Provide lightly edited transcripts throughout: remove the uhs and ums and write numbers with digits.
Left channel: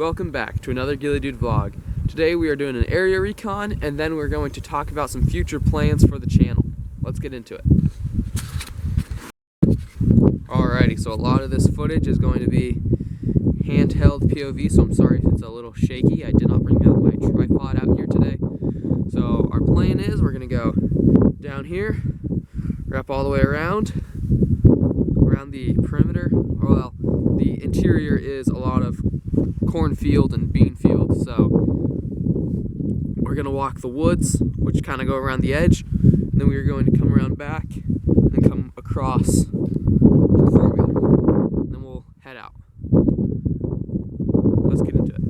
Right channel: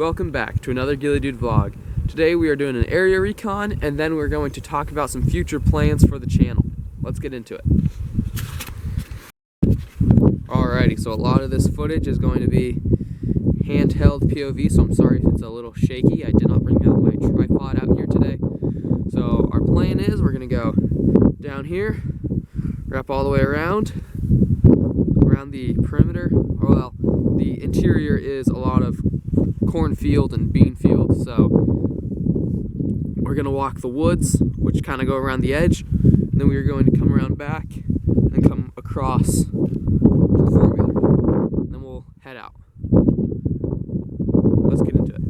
Welcome back to another Ghillie-Dude vlog. Today we are doing an area recon and then we're going to talk about some future plans for the channel. Let's get into it. Alrighty, so a lot of this footage is going to be handheld POV, so I'm sorry if it's a little shaky. I did not bring out my tripod out here today. So our plan is we're going to go down here, wrap all the way around the perimeter. Well, the interior is a lot of cornfield and bean field, so we're gonna walk the woods, which kind of go around the edge, and then we're going to come around back and come across to the four-wheeler. Then we'll head out. Let's get into it.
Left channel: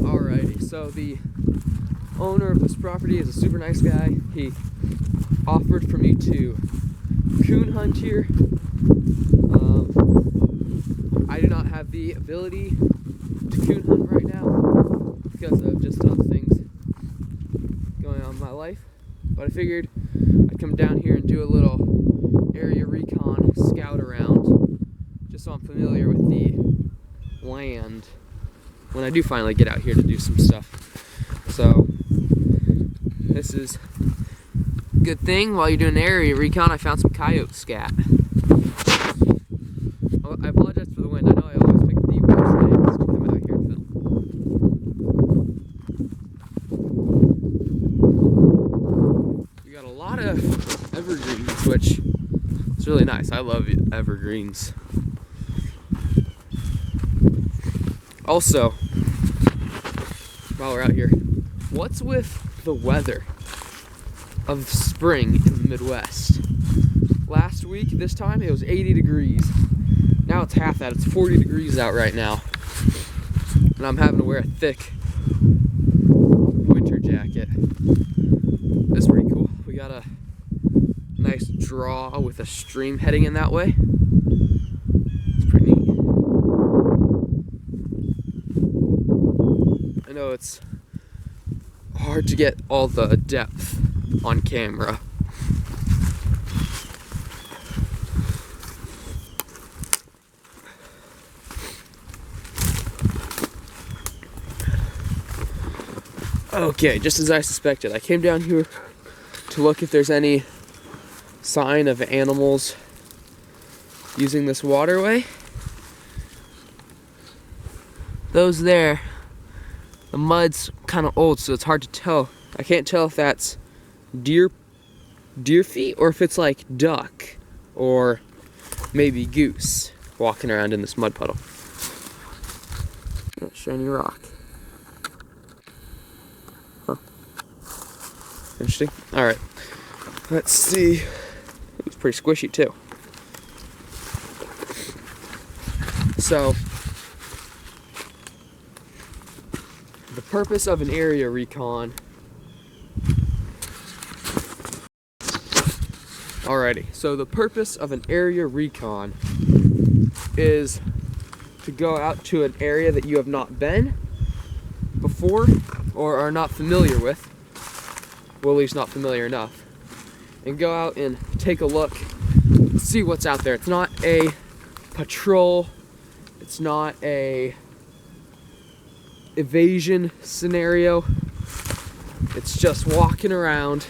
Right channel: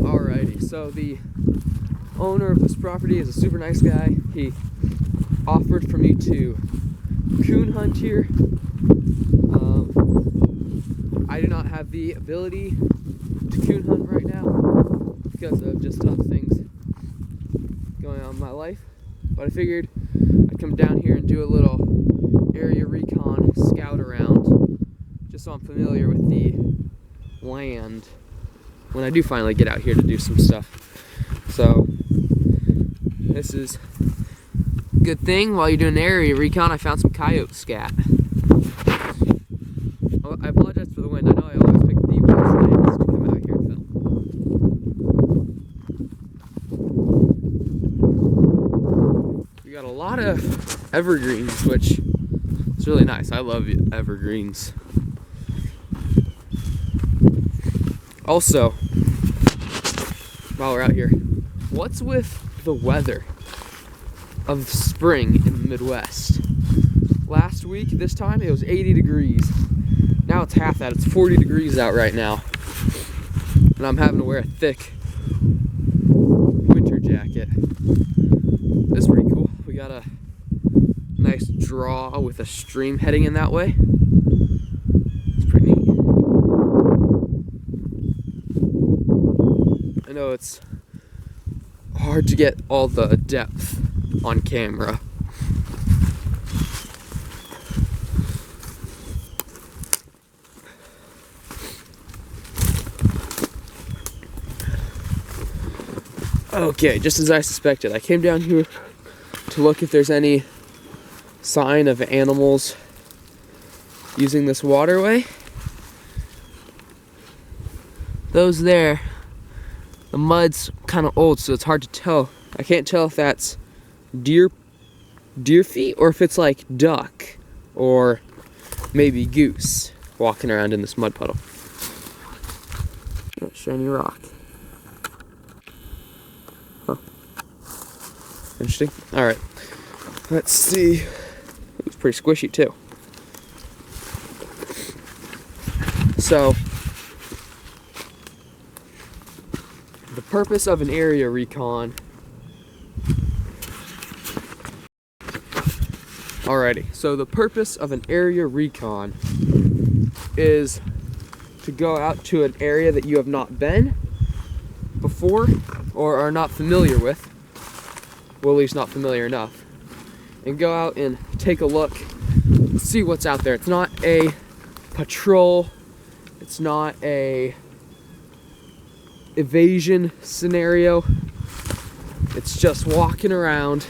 Alrighty, so the owner of this property is a super nice guy. He offered for me to coon hunt here. I do not have the ability to coon hunt right now because of just other things going on in my life, but I figured I'd come down here and do a little area recon scout around just so I'm familiar with the land when I do finally get out here to do some stuff. So this is a good thing. While you're doing an area recon, I found some coyote scat. Oh, I apologize for the wind. I know I always pick the worst days to come out here and film. We got a lot of evergreens, which is really nice. I love evergreens. Also, while we're out here, what's with the weather of spring in the Midwest? Last week, this time, it was 80 degrees. Now it's half that. It's 40 degrees out right now. And I'm having to wear a thick winter jacket. This is pretty cool. We got a nice draw with a stream heading in that way. It's pretty neat. I know it's hard to get all the depth on camera. Okay, just as I suspected, I came down here to look if there's any sign of animals using this waterway. Those there. The mud's kind of old, so it's hard to tell. I can't tell if that's deer feet or if it's like duck or maybe goose walking around in this mud puddle. That shiny rock. Huh. Interesting. Alright. Let's see. It's pretty squishy too. So the purpose of an area recon. Alrighty, so the purpose of an area recon is to go out to an area that you have not been before or are not familiar with, well, at least not familiar enough, and go out and take a look, see what's out there. It's not a patrol, it's not a evasion scenario. It's just walking around,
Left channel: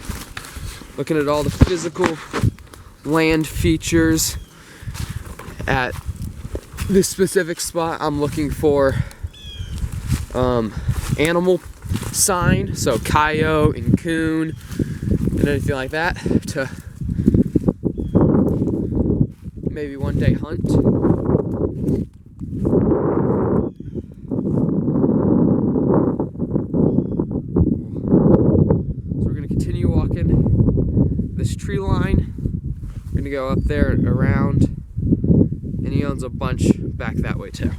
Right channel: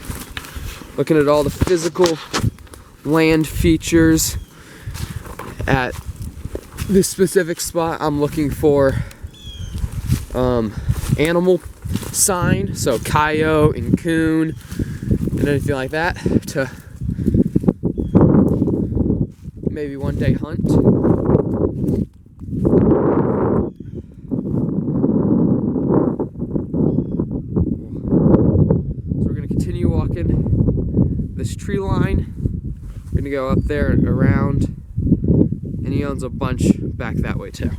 looking at all the physical land features. At this specific spot, I'm looking for animal sign, so coyote and coon and anything like that, to maybe one day hunt. continue walking this tree line. We're gonna go up there around, and he owns a bunch back that way too.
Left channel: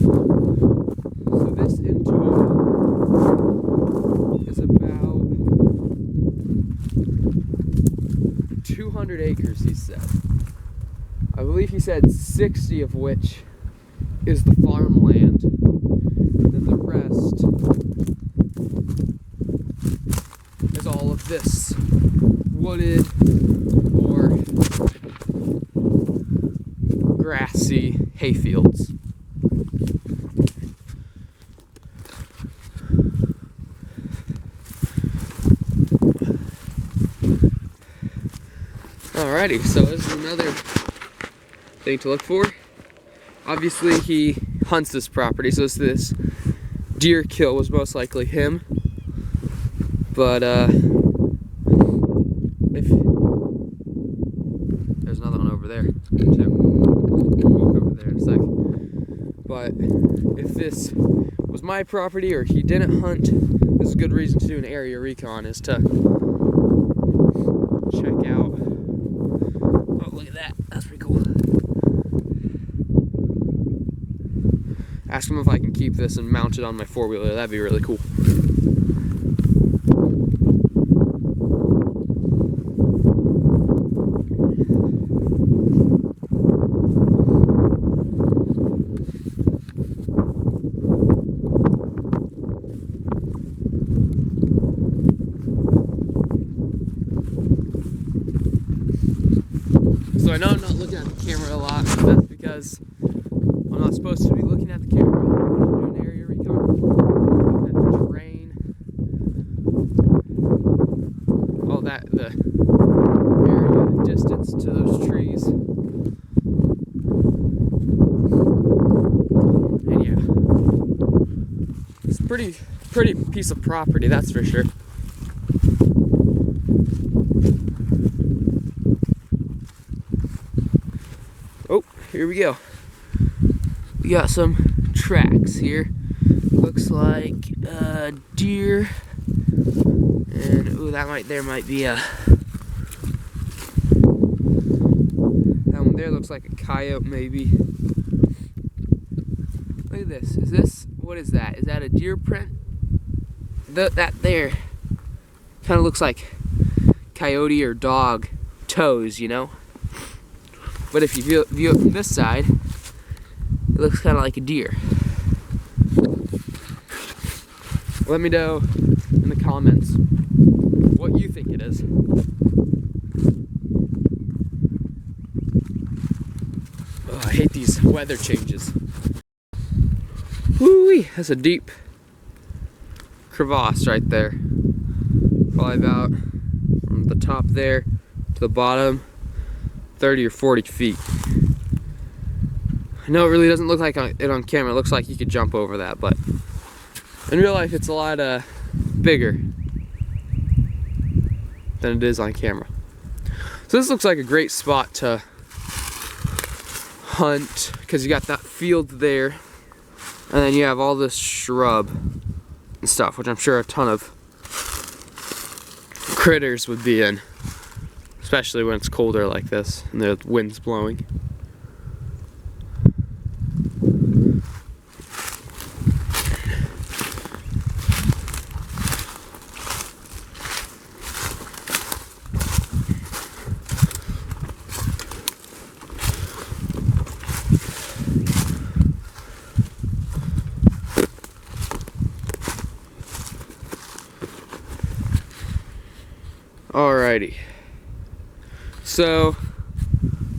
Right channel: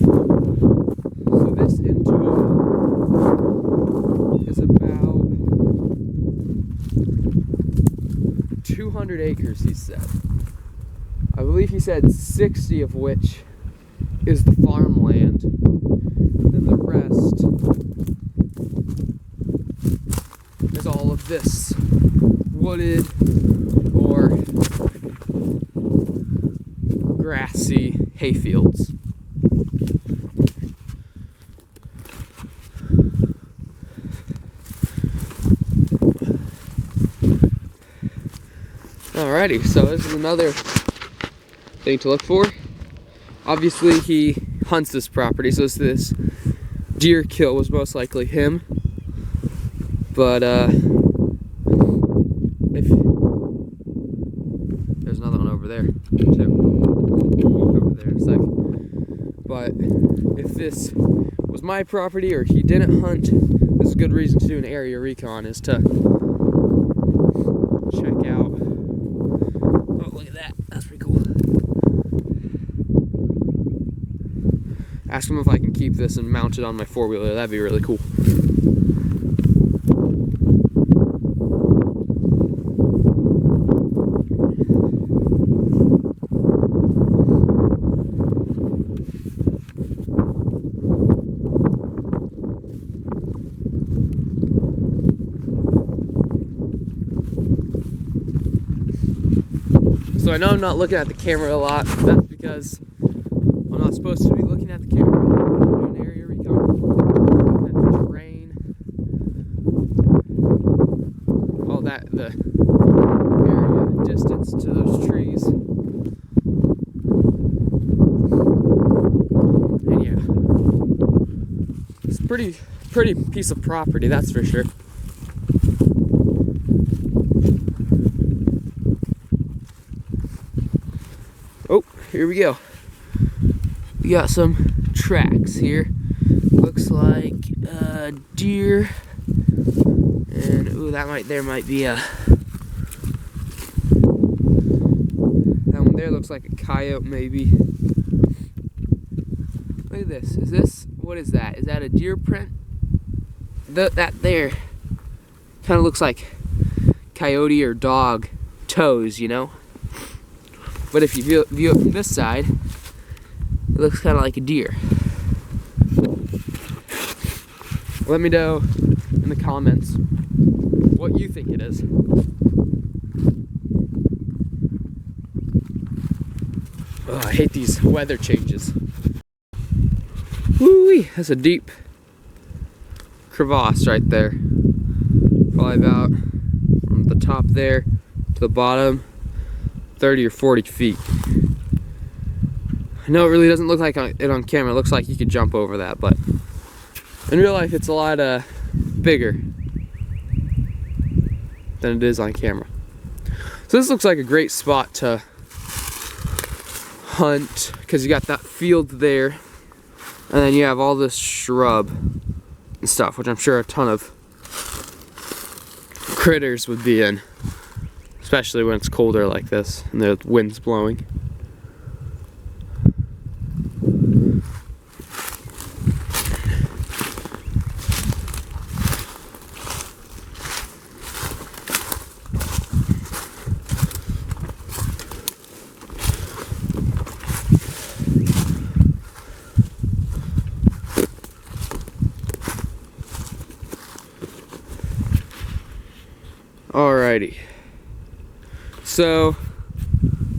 So this in total is about 200 acres, he said. I believe he said 60 of which is the farmland. Then the rest is all of this wooded or grassy hayfields. Alrighty, so this is another thing to look for. Obviously he hunts this property, so this deer kill was most likely him. But if there's another one over there too. We'll walk over there in a sec. But if this was my property or he didn't hunt, this is a good reason to do an area recon, is to check out. Oh, look at that. That's pretty cool. Ask him if I can keep this and mount it on my four-wheeler. That'd be really cool. So I know I'm not looking at the camera a lot. That's because I'm not supposed to be looking at the camera when I'm doing area recon. I'm looking at the terrain. All that, the area distance to those trees. And yeah, it's pretty piece of property, that's for sure. Oh, here we go. We got some tracks here. Looks like deer, and ooh, that might be a. That one there looks like a coyote, maybe. Look at this. Is this, what is that? Is that a deer print? That there kind of looks like coyote or dog toes, you know. But if you view it from this side, it looks kind of like a deer. Let me know in the comments what you think it is. Oh, I hate these weather changes. Woo-wee, that's a deep crevasse right there. Probably about from the top there to the bottom, 30 or 40 feet. I know it really doesn't look like it on camera. It looks like you could jump over that, but in real life it's a lot bigger than it is on camera. So this looks like a great spot to hunt because you got that field there, and then you have all this shrub and stuff, which I'm sure a ton of critters would be in. Especially when it's colder like this and the wind's blowing. Alrighty. So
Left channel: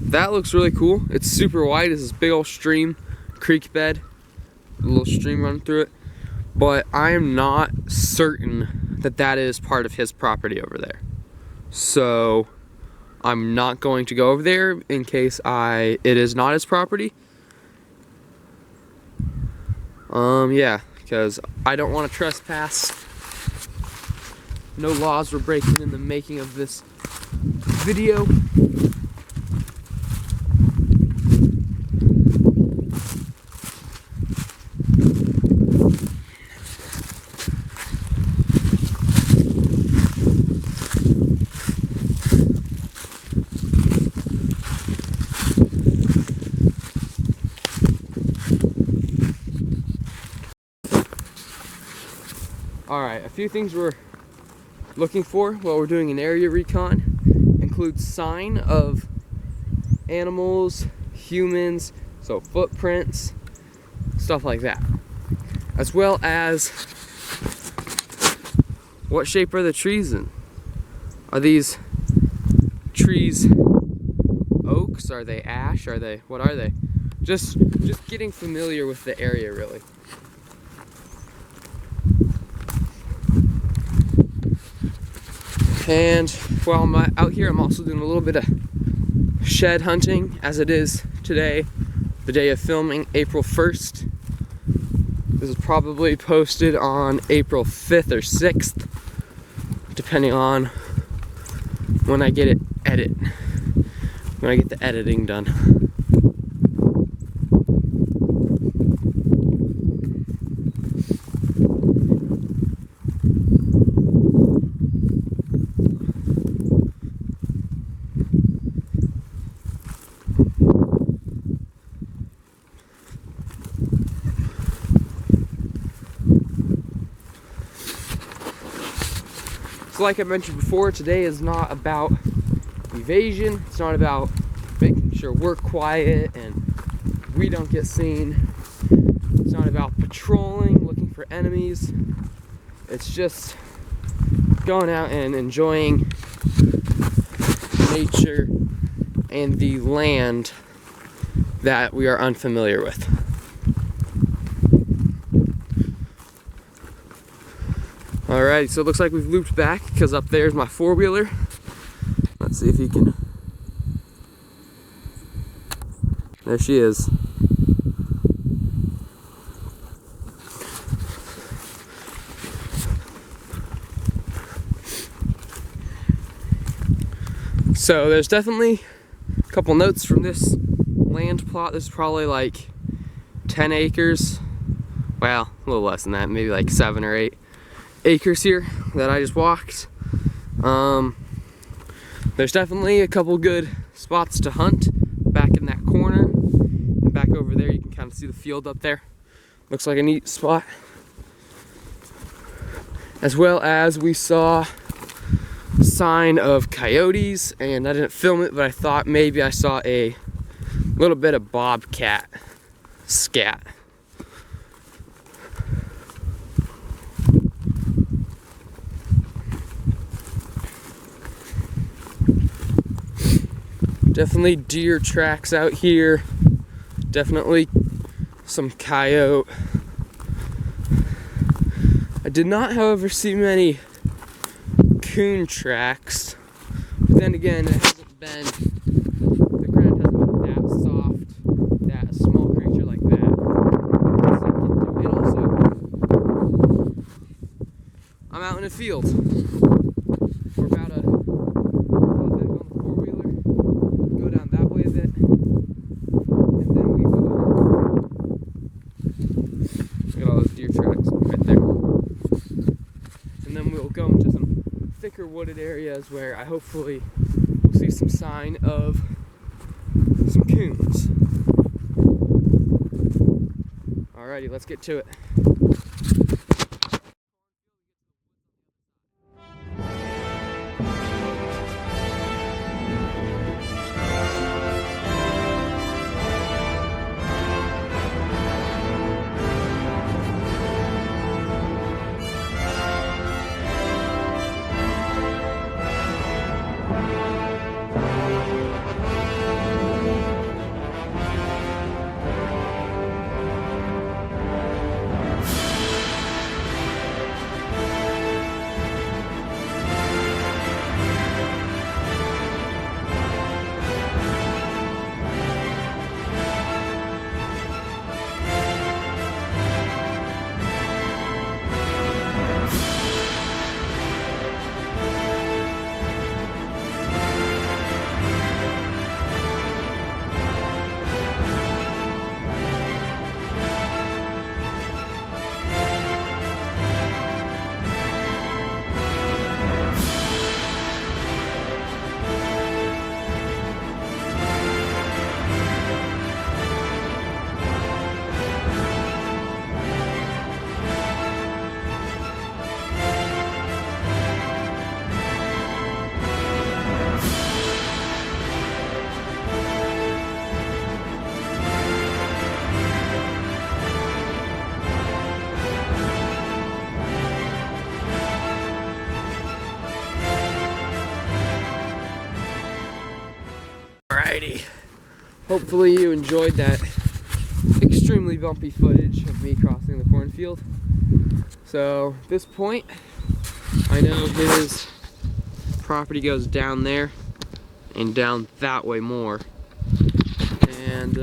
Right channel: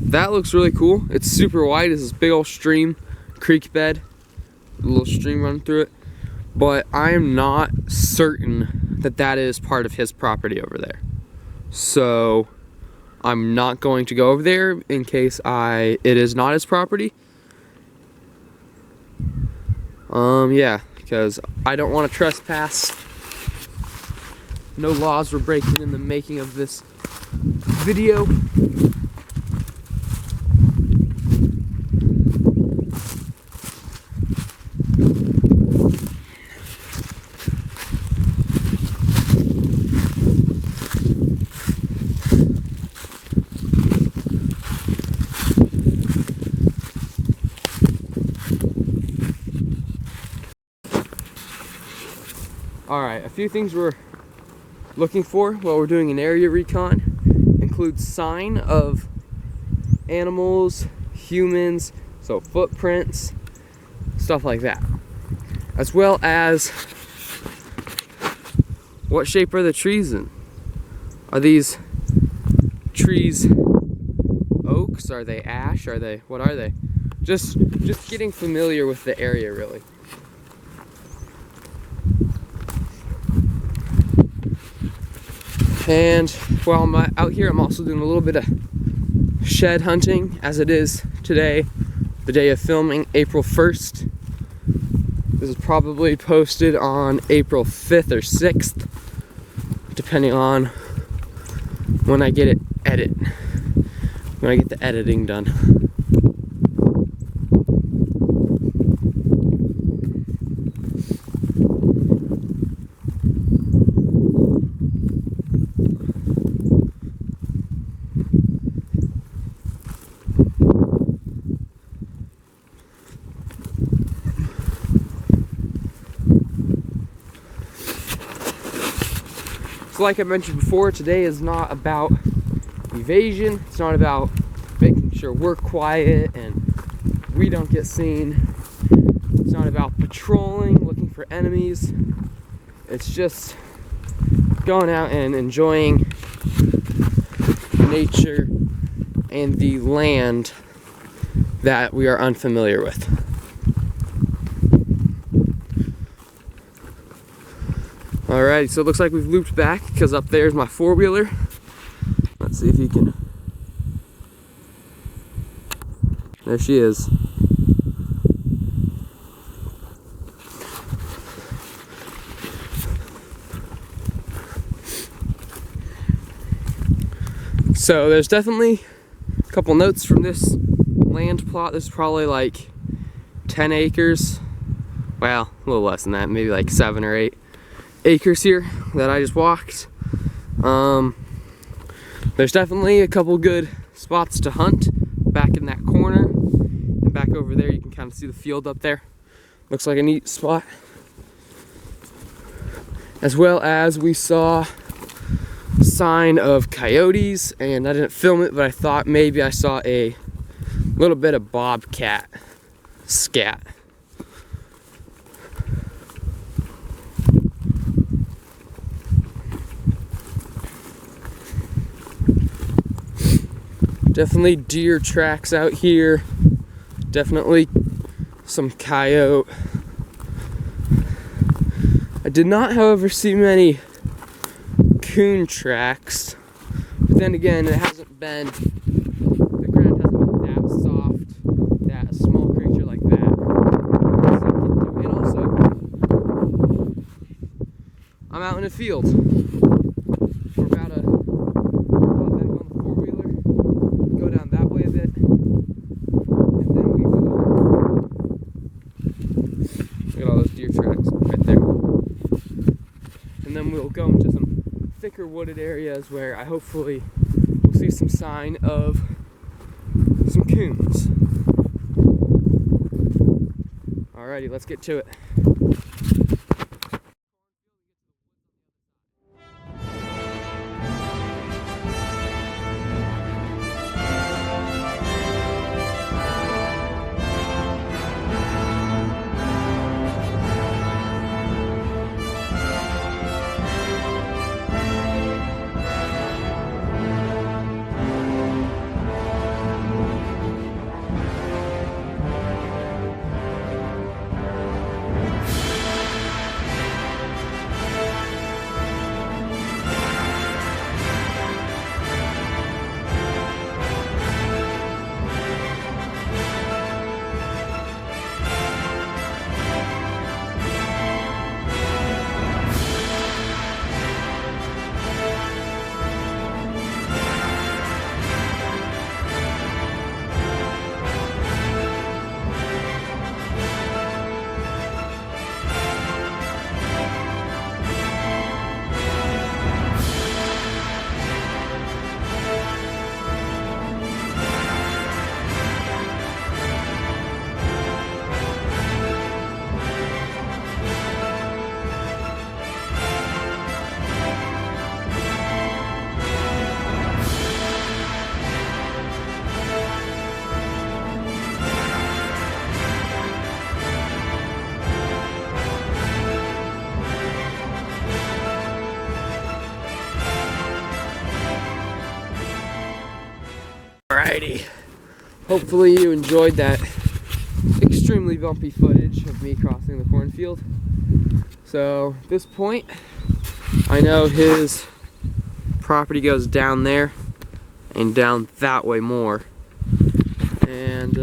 that looks really cool. It's super wide. It's this big old stream, creek bed, a little stream running through it. But I'm not certain that that is part of his property over there. So I'm not going to go over there in case it is not his property. Yeah, because I don't want to trespass. No laws were breaking in the making of this video. Alright, a few things we're looking for while we're doing an area recon includes sign of animals, humans, so footprints, stuff like that. As well as what shape are the trees in? Are these trees oaks? Are they ash? What are they? Just getting familiar with the area, really. And while I'm out here, I'm also doing a little bit of shed hunting, as it is today, the day of filming, April 1st. This is probably posted on April 5th or 6th, depending on when I get when I get the editing done. So like I mentioned before, today is not about evasion. It's not about making sure we're quiet and we don't get seen. It's not about patrolling, looking for enemies. It's just going out and enjoying nature and the land that we are unfamiliar with. Alright, so it looks like we've looped back because up there's my four-wheeler. Let's see if you can. There she is. So there's definitely a couple notes from this land plot. This is probably like 10 acres. Well, a little less than that, maybe like 7 or 8 acres here that I just walked. There's definitely a couple good spots to hunt back in that corner, and back over there you can kind of see the field up there. Looks like a neat spot. As well as we saw sign of coyotes, and I didn't film it, but I thought maybe I saw a little bit of bobcat scat. Definitely deer tracks out here. Definitely some coyote. I did not, however, see many coon tracks. But then again, it hasn't been, the ground hasn't been that soft that a small creature like that can sink into. And also, I'm out in a field. We're about to hop back on the four-wheeler, go down that way a bit, and then we will. Look at all those deer tracks right there. And then we'll go into some thicker wooded areas where I hopefully will see some sign of some coons. Alrighty, let's get to it. Alrighty. Hopefully you enjoyed that extremely bumpy footage of me crossing the cornfield. So at this point, I know his property goes down there and down that way more. And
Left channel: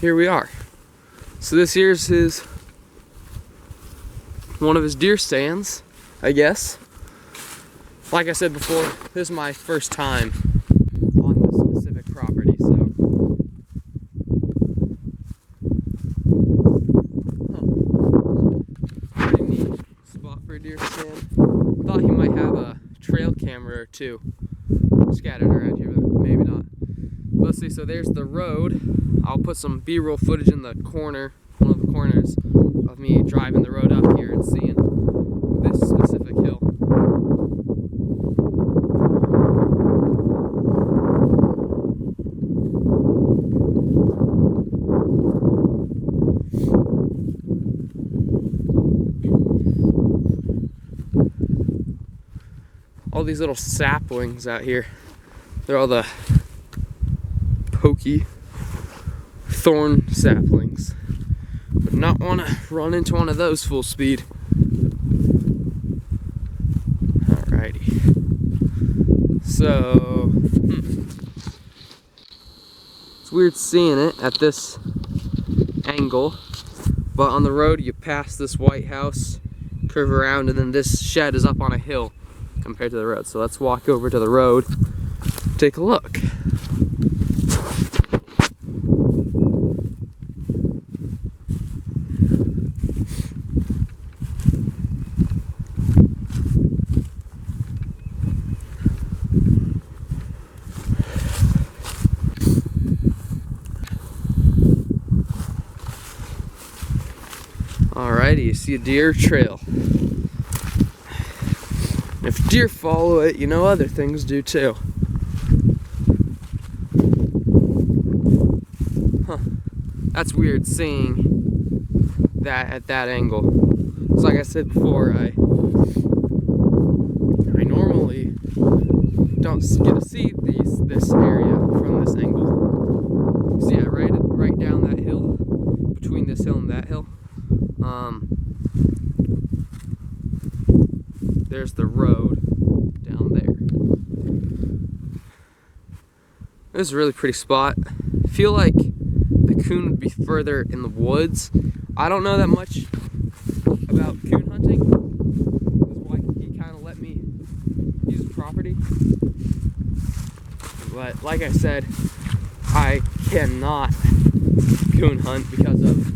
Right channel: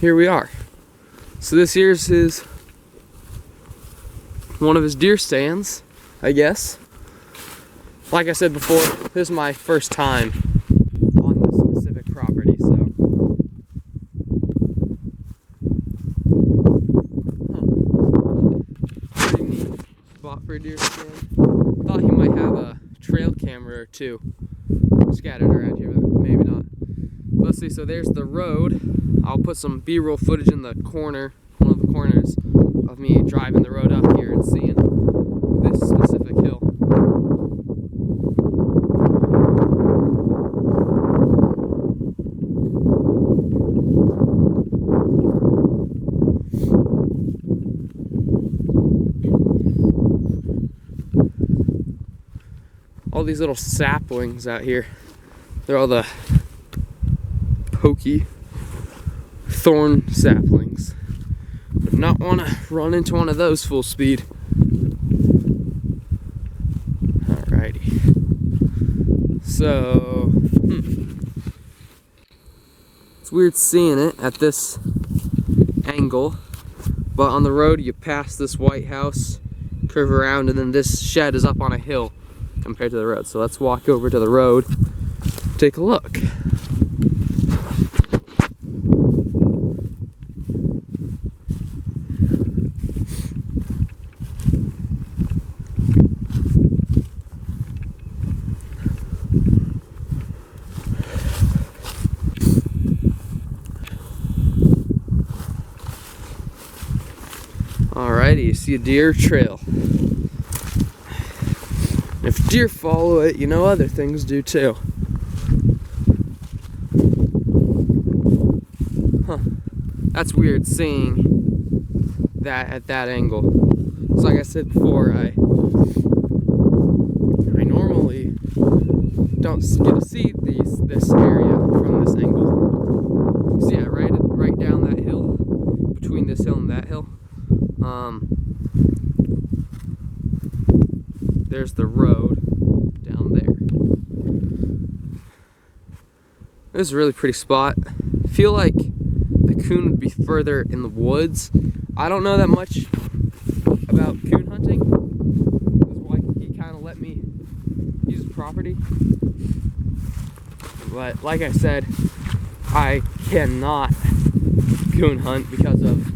here we are. So this here's one of his deer stands, I guess. Like I said before, this is my first time on this specific property, so. Pretty neat spot for a deer stand. Thought he might have a trail camera or two scattered around here, but maybe not. Let's see, so there's the road. I'll put some B-roll footage in the corner, one of the corners, of me driving the road up here and seeing this specific hill. All these little saplings out here, they're all the pokey thorn saplings. But not want to run into one of those full speed. Alrighty. So, it's weird seeing it at this angle, but on the road you pass this white house, curve around, and then this shed is up on a hill compared to the road. So let's walk over to the road, take a look. Alrighty, you see a deer trail. If deer follow it, you know other things do too. Huh. That's weird seeing that at that angle. So like I said before, I normally don't get to see this area from this angle. So yeah, right down that hill, between this hill and that hill. There's the road down there. This is a really pretty spot. I feel like the coon would be further in the woods. I don't know that much about coon hunting. This is why he kind of let me use the property. But like I said, I cannot coon hunt because of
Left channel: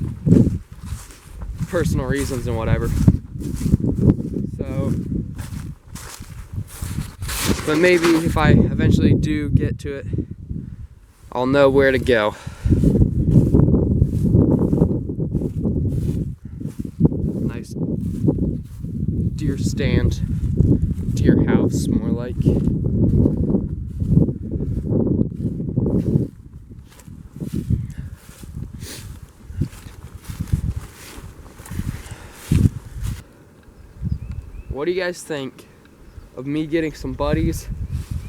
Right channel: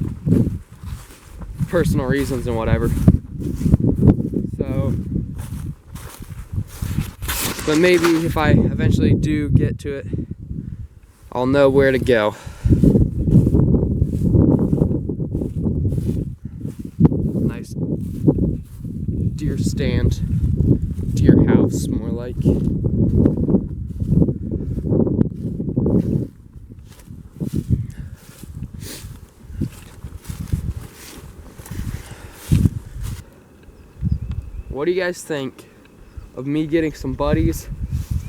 personal reasons and whatever. So, but maybe if I eventually do get to it, I'll know where to go. Nice deer stand, deer house, more like. What do you guys think of me getting some buddies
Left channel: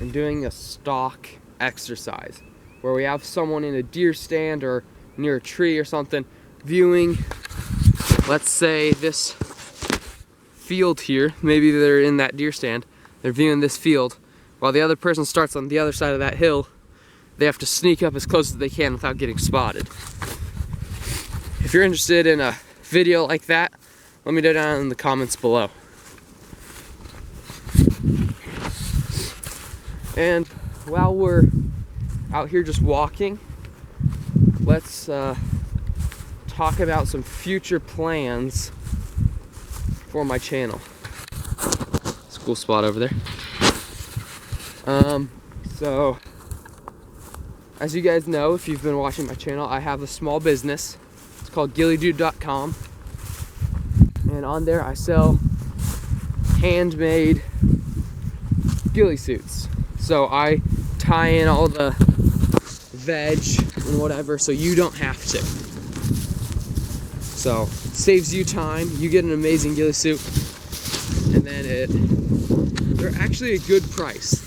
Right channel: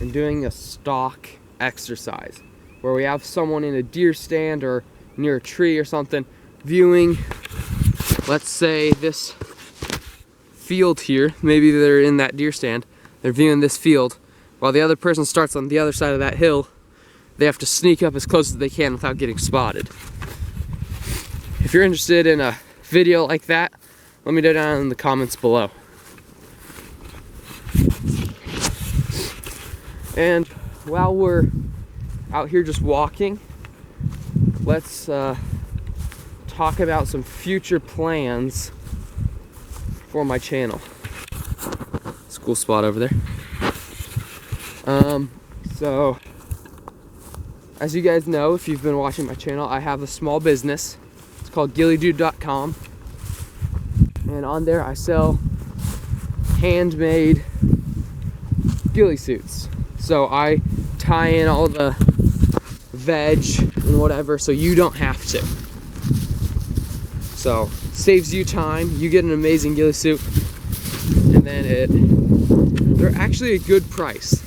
and doing a stock exercise where we have someone in a deer stand or near a tree or something viewing, let's say, this field here? Maybe they're in that deer stand, they're viewing this field while the other person starts on the other side of that hill. They have to sneak up as close as they can without getting spotted. If you're interested in a video like that, let me know down in the comments below. And while we're out here just walking, let's talk about some future plans for my channel. It's a cool spot over there. So, as you guys know, if you've been watching my channel, I have a small business. It's called The-Ghillie-Dude.com. And on there I sell handmade ghillie suits. So I tie in all the veg and whatever so you don't have to. So saves you time, you get an amazing ghillie suit, and then they're actually a good price.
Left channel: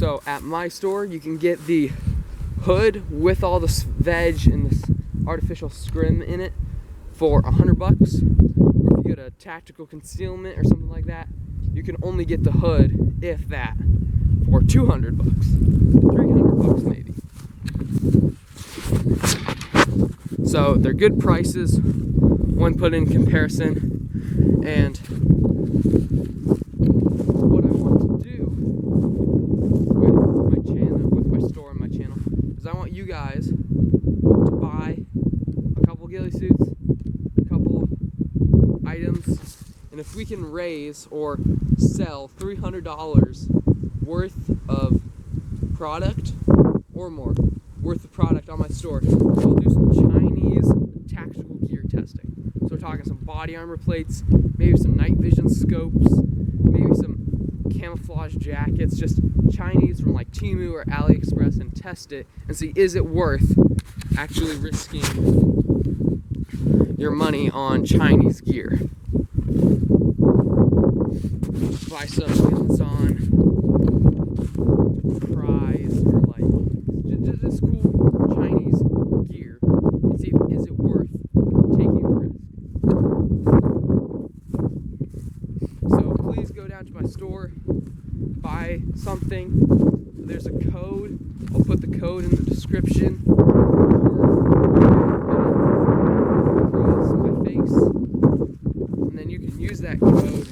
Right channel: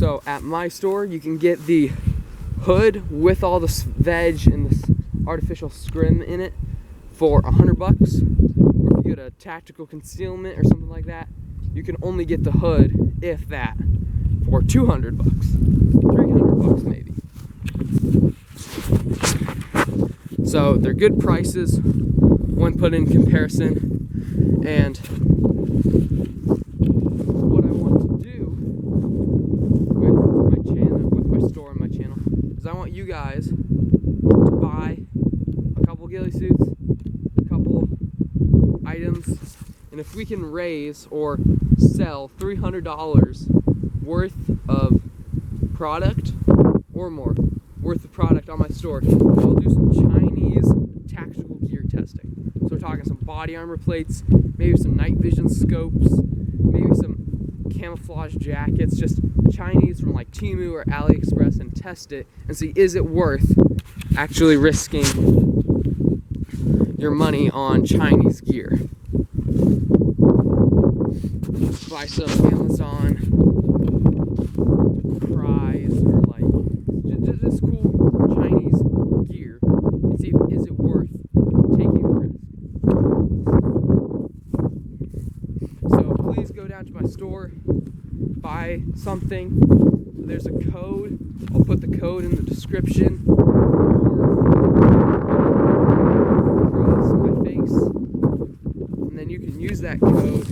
So at my store, you can get the hood with all this veg and this artificial scrim in it for $100. Or if you get a tactical concealment or something like that, you can only get the hood, if that, for $200, $300 maybe. So they're good prices when put in comparison. And what I want to do with my channel, with my store and my channel, is I want you guys to buy a couple ghillie suits, a couple items, and if we can raise or sell $300 worth of product or more worth of product on my store, I'll do some Chinese tactical gear testing. So we're talking some body armor plates, maybe some night vision scopes, maybe some camouflage jackets, just Chinese from like Temu or AliExpress, and test it and see, is it worth actually risking your money on Chinese gear? Buy some Amazon prize or like just cool Chinese gear and see, is it worth taking the risk. So please go down to my store, buy something. There's a code. I'll put the code in the description, or put it across my face, and then you can use that code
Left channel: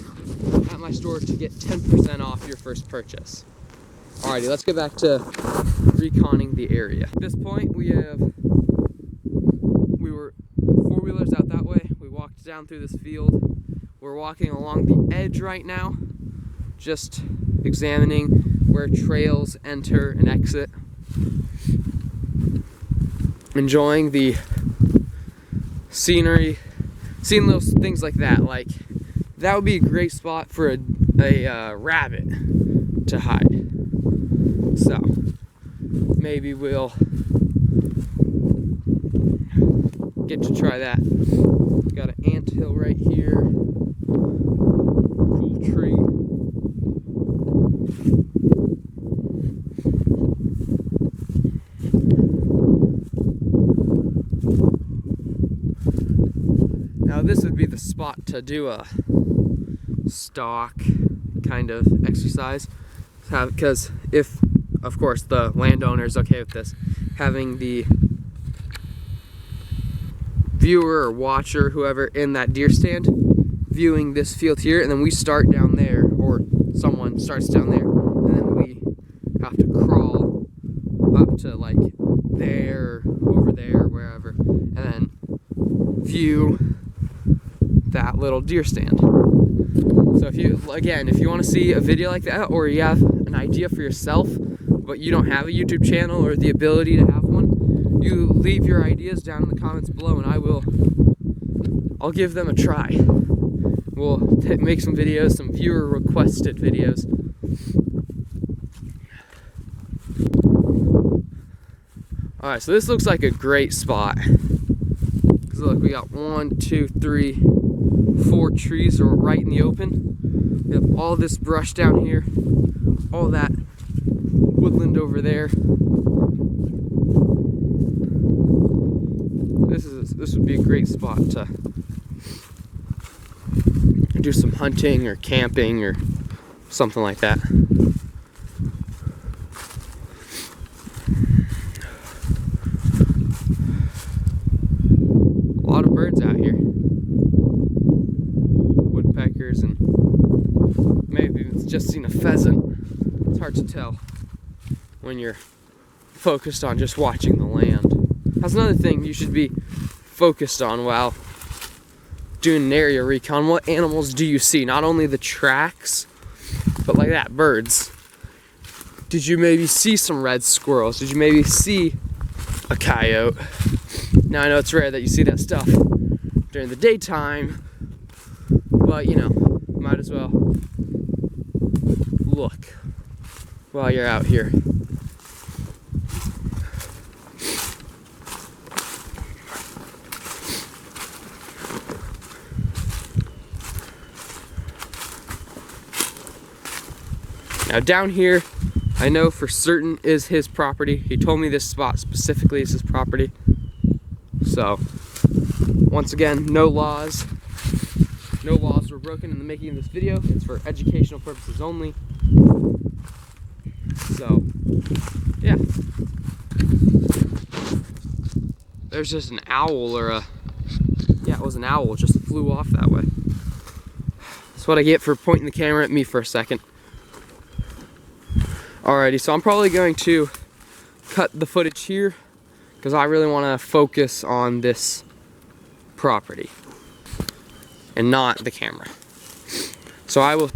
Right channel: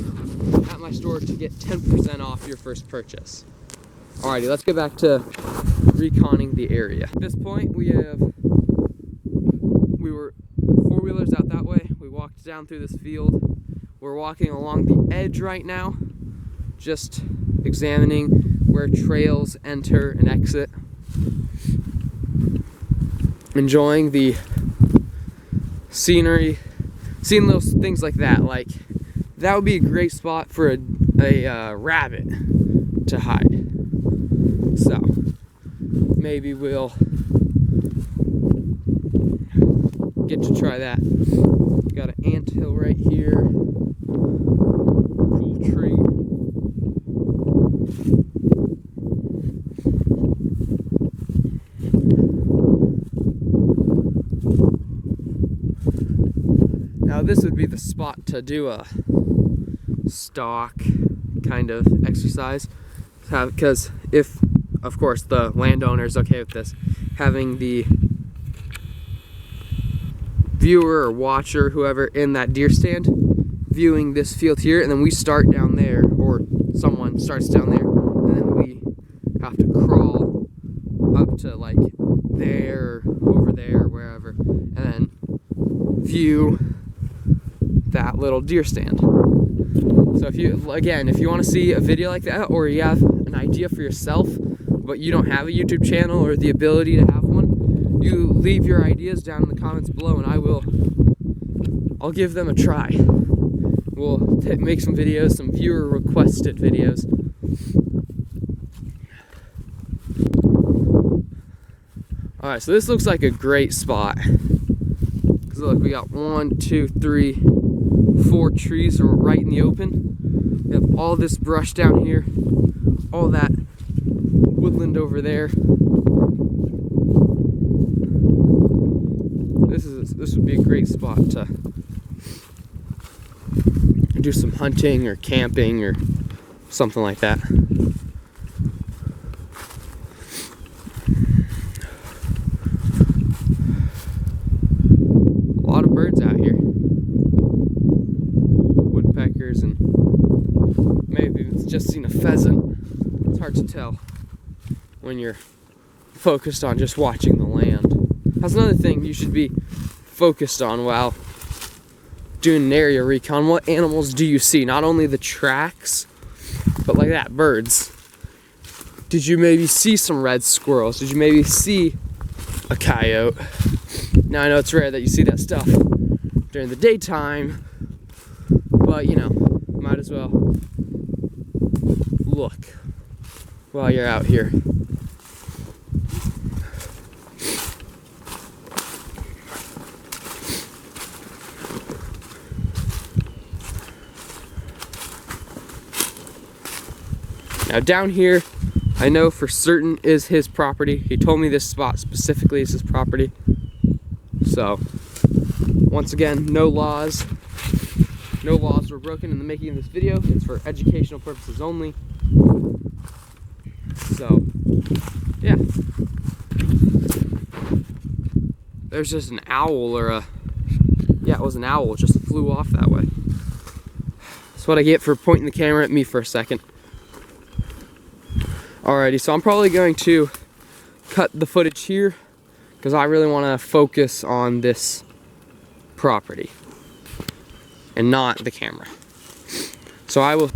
at my store to get 10% off your first purchase. Alrighty, let's get back to reconning the area. At this point, we were four-wheelers out that way. We walked down through this field. We're walking along the edge right now, just examining where trails enter and exit. Enjoying the scenery, seeing those things like that. Like, that would be a great spot for a rabbit to hide. So maybe we'll get to try that. Got an anthill right here. Cool tree. Now this would be the spot to do a stalk kind of exercise, because if, of course, the landowner is okay with this, having the viewer or watcher, whoever, in that deer stand viewing this field here, and then we start down there, or someone starts down there, and then we have to crawl up to like there, over there, wherever, and then view that little deer stand. So if you want to see a video like that, or you have an idea for yourself but you don't have a YouTube channel or the ability to have one, you leave your ideas down in the comments below, and I'll give them a try. We'll make some videos, some viewer requested videos. Alright, so this looks like a great spot. Because look, we got 1, 2, 3, 4 trees right in the open. We have all this brush down here, all that woodland over there. This would be a great spot to do some hunting or camping or something like that. A lot of birds out here. Woodpeckers, and maybe it's just seen a pheasant. It's hard to tell when you're focused on just watching the land. That's another thing you should be focused on while doing an area recon. What animals do you see? Not only the tracks, but like that, birds. Did you maybe see some red squirrels? Did you maybe see a coyote? Now I know it's rare that you see that stuff during the daytime, but you know, might as well look while you're out here. Now down here I know for certain is his property. He told me this spot specifically is his property. So, once again, no laws. No laws were broken in the making of this video. It's for educational purposes only. So, yeah. There's just an owl or a... Yeah, it was an owl. It just flew off that way. That's what I get for pointing the camera at me for a second. Alrighty, so I'm probably going to cut the footage here because I really want to focus on this property and not the camera. So I will...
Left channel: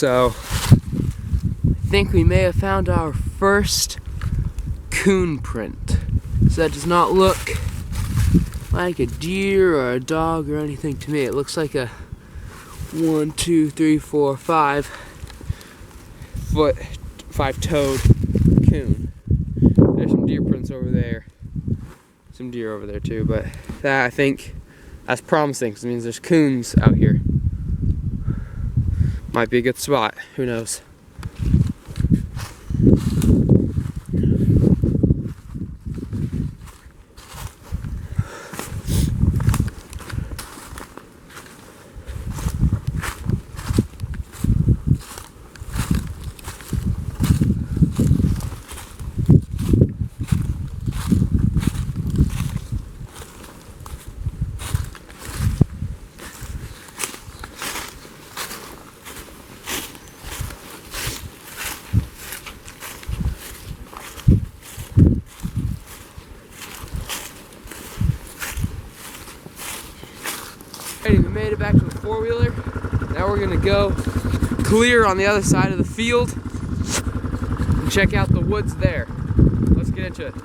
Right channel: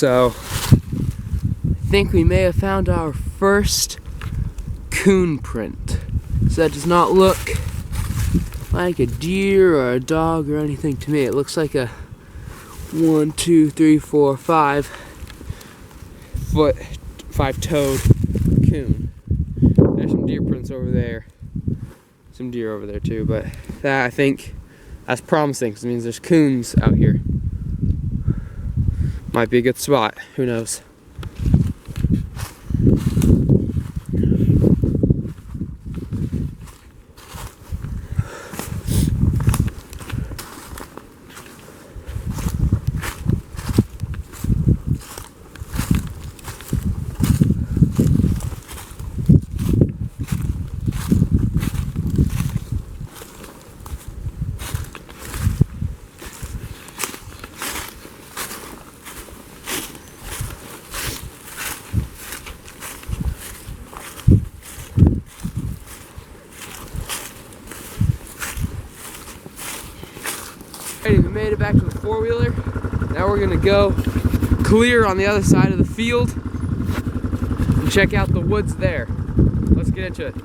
So I think we may have found our first coon print. So that does not look like a deer or a dog or anything to me. It looks like a 1, 2, 3, 4, 5-toed coon. There's some deer prints over there. Some deer over there too, but that, I think that's promising because it means there's coons out here. Might be a good spot, who knows. Alrighty, we made it back to the four-wheeler. Now we're gonna go clear on the other side of the field and check out the woods there. Let's get into it.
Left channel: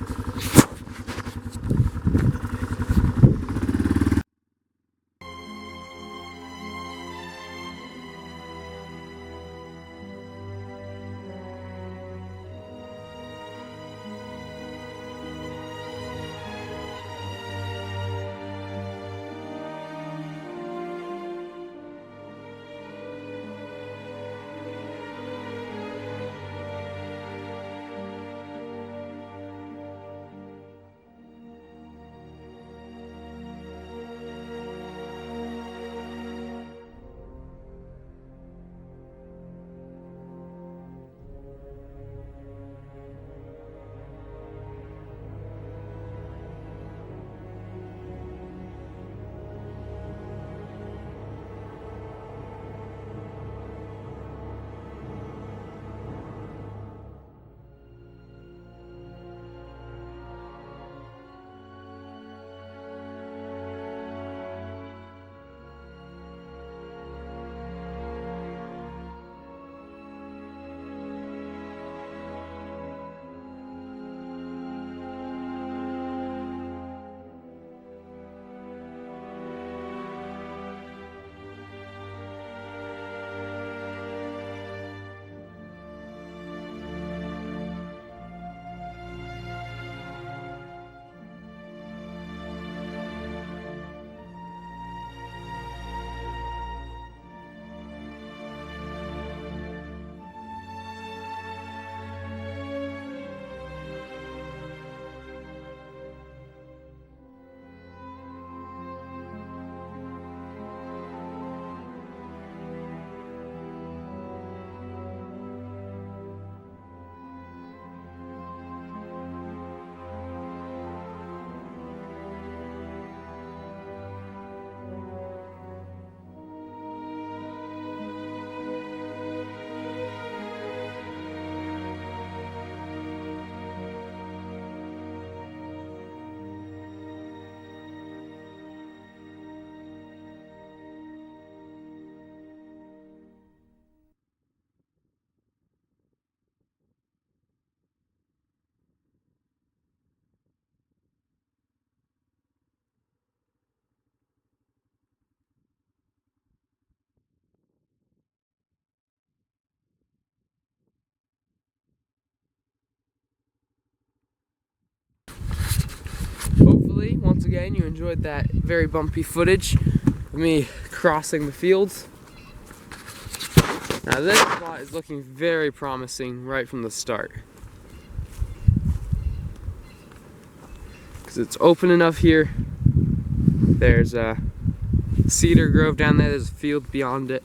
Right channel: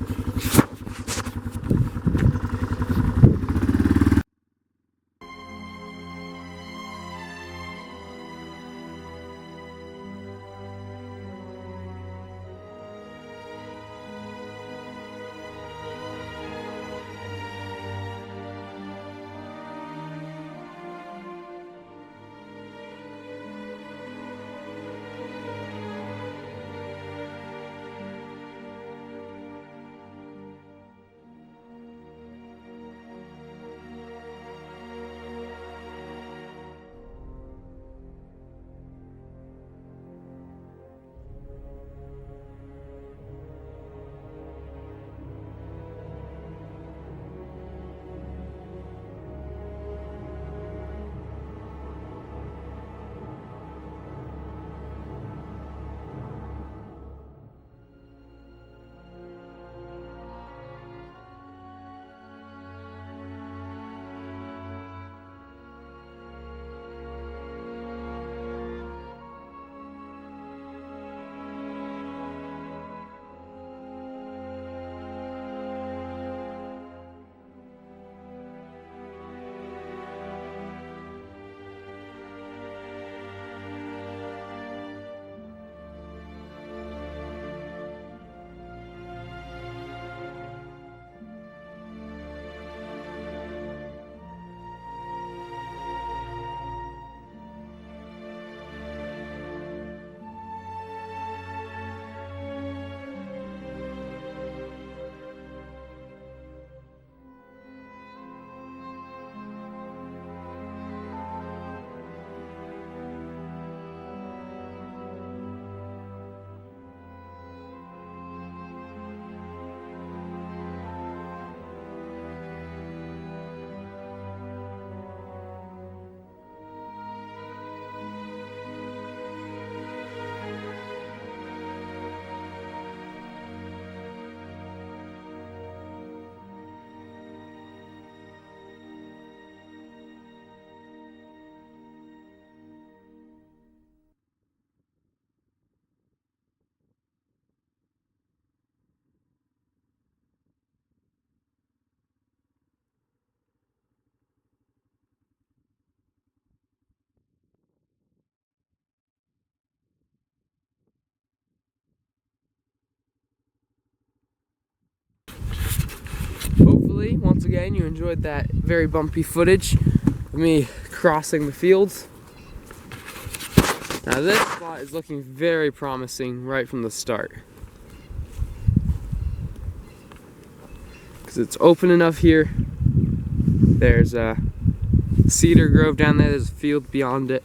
Hopefully, once again, you enjoyed that very bumpy footage of me crossing the fields. Now this spot is looking very promising right from the start. Because it's open enough here. There's a cedar grove down there, there's a field beyond it.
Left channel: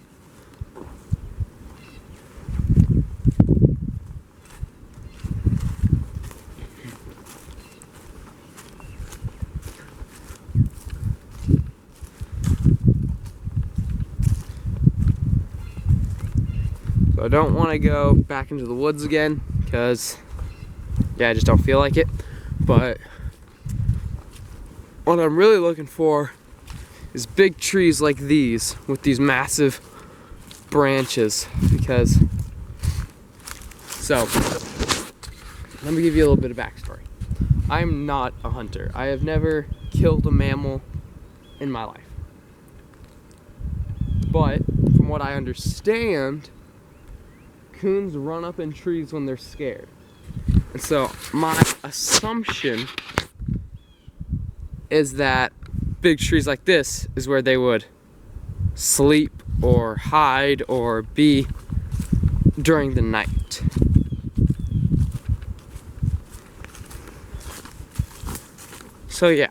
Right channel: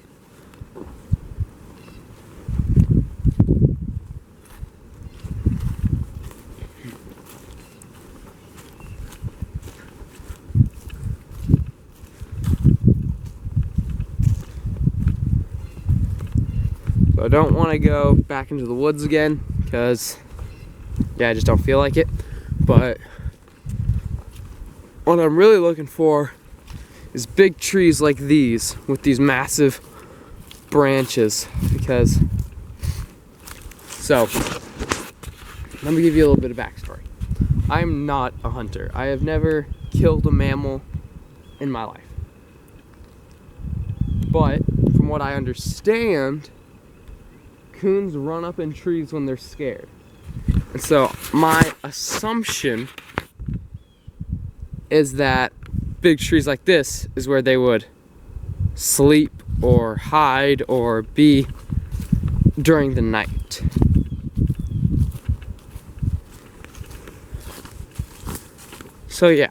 So I don't want to go back into the woods again because, yeah, I just don't feel like it. But what I'm really looking for is big trees like these with these massive branches because, so let me give you a little bit of backstory. I'm not a hunter. I have never killed a mammal in my life. But from what I understand, coons run up in trees when they're scared. And so my assumption is that big trees like this is where they would sleep or hide or be during the night. So yeah.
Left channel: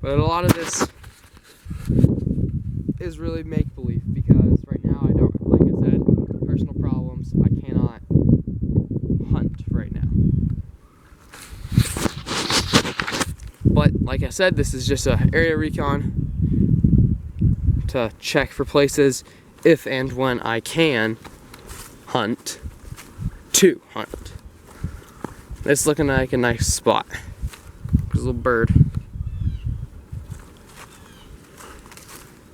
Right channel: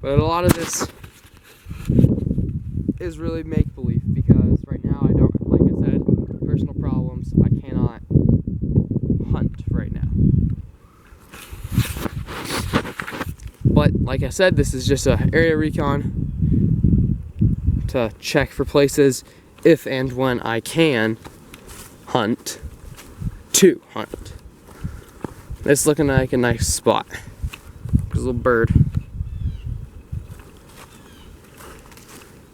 But a lot of this is really make-believe because right now I don't, like I said, personal problems. I cannot hunt right now. But like I said, this is just an area recon to check for places if and when I can hunt, to hunt. It's looking like a nice spot. There's a little bird.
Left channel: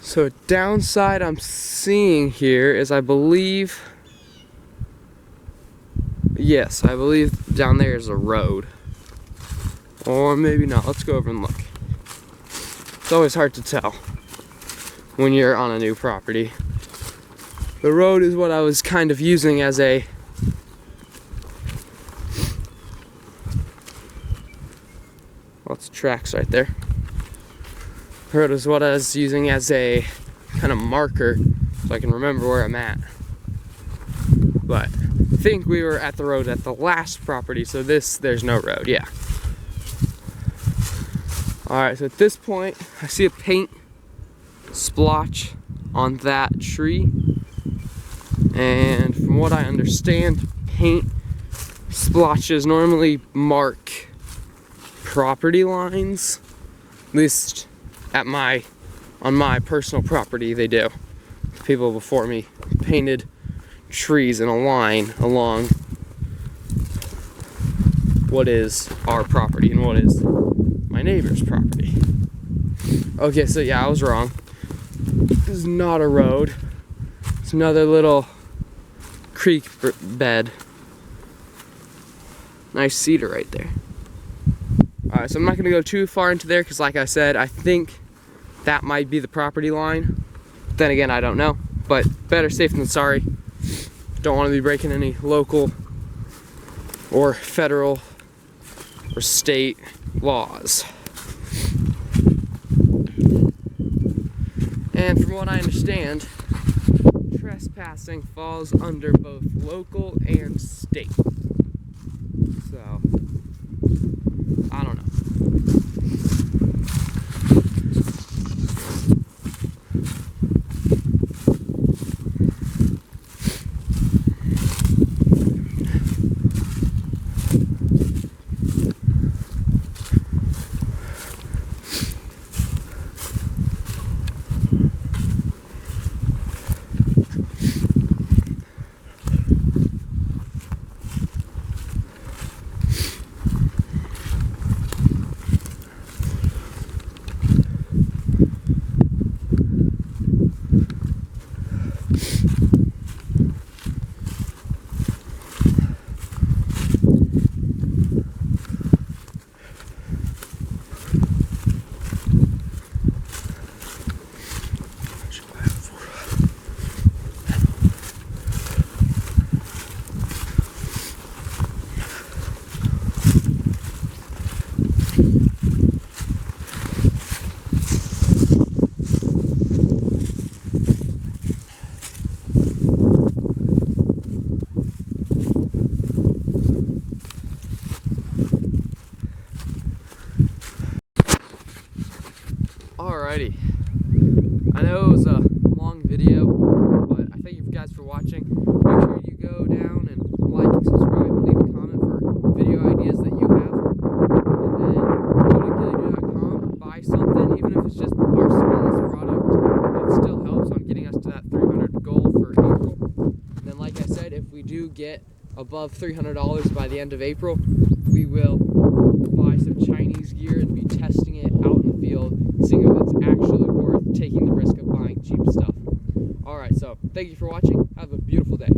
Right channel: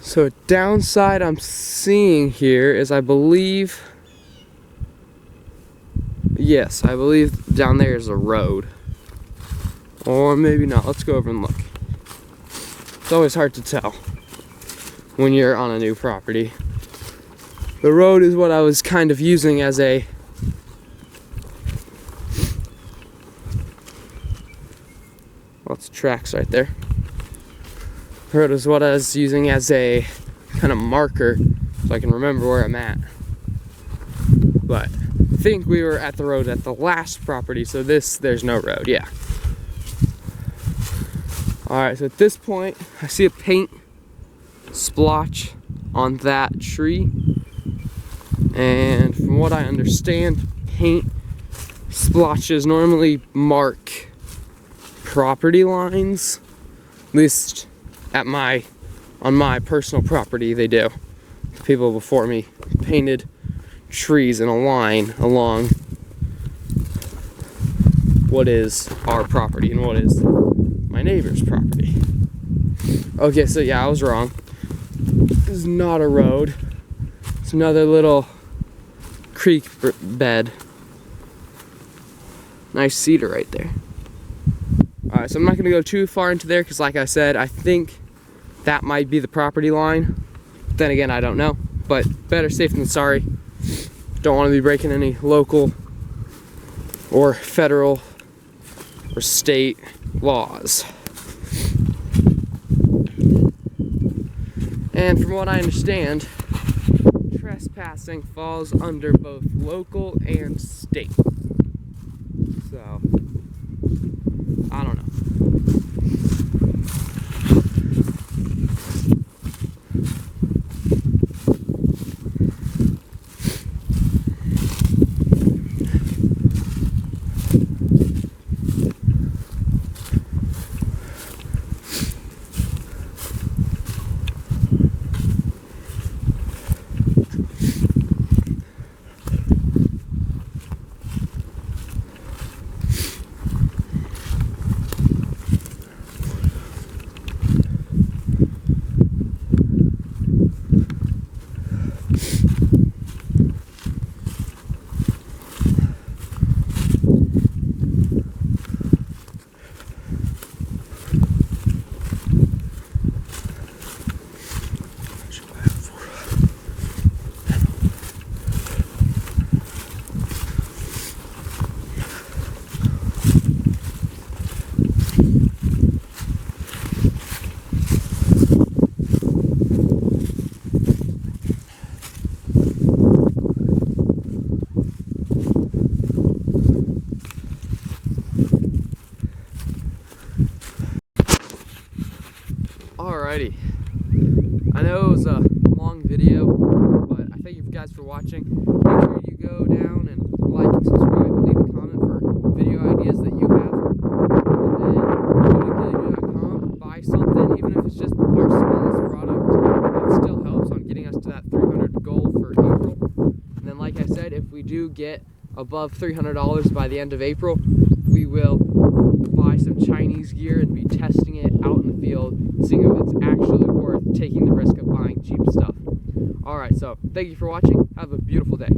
So a downside I'm seeing here is I believe down there is a road. Or maybe not. Let's go over and look. It's always hard to tell when you're on a new property. The road is what I was kind of using as a it's tracks right there. The road is what I was using as a kind of marker so I can remember where I'm at. But I think we were at the road at the last property, so there's no road, yeah. Alright, so at this point, I see a paint splotch on that tree. And from what I understand, paint splotches normally mark property lines. At least on my personal property, they do. The people before me painted trees in a line along what is our property and what is my neighbor's property. Okay, so yeah, I was wrong. This is not a road. It's another little creek bed. Nice cedar right there. Alright, so I'm not going to go too far into there because like I said, I think that might be the property line. Then again, I don't know. But better safe than sorry. Don't want to be breaking any local or federal or state laws. And from what I understand, trespassing falls under both local and state. So, I don't know. Alrighty, I know it was a long video, but I thank you guys for watching. Make sure you go down and like and subscribe and leave a comment for video ideas that you have. And then go to The-Ghillie-Dude.com, buy something, even if it's just our smallest product. It still helps on getting us to that 300 goal for April. And then like I said, if we do get above $300 by the end of April, we will buy some Chinese gear and be testing it out in the field, seeing if it's actually worth taking the risk of buying cheap stuff. Alright, so thank you for watching. Have a beautiful day.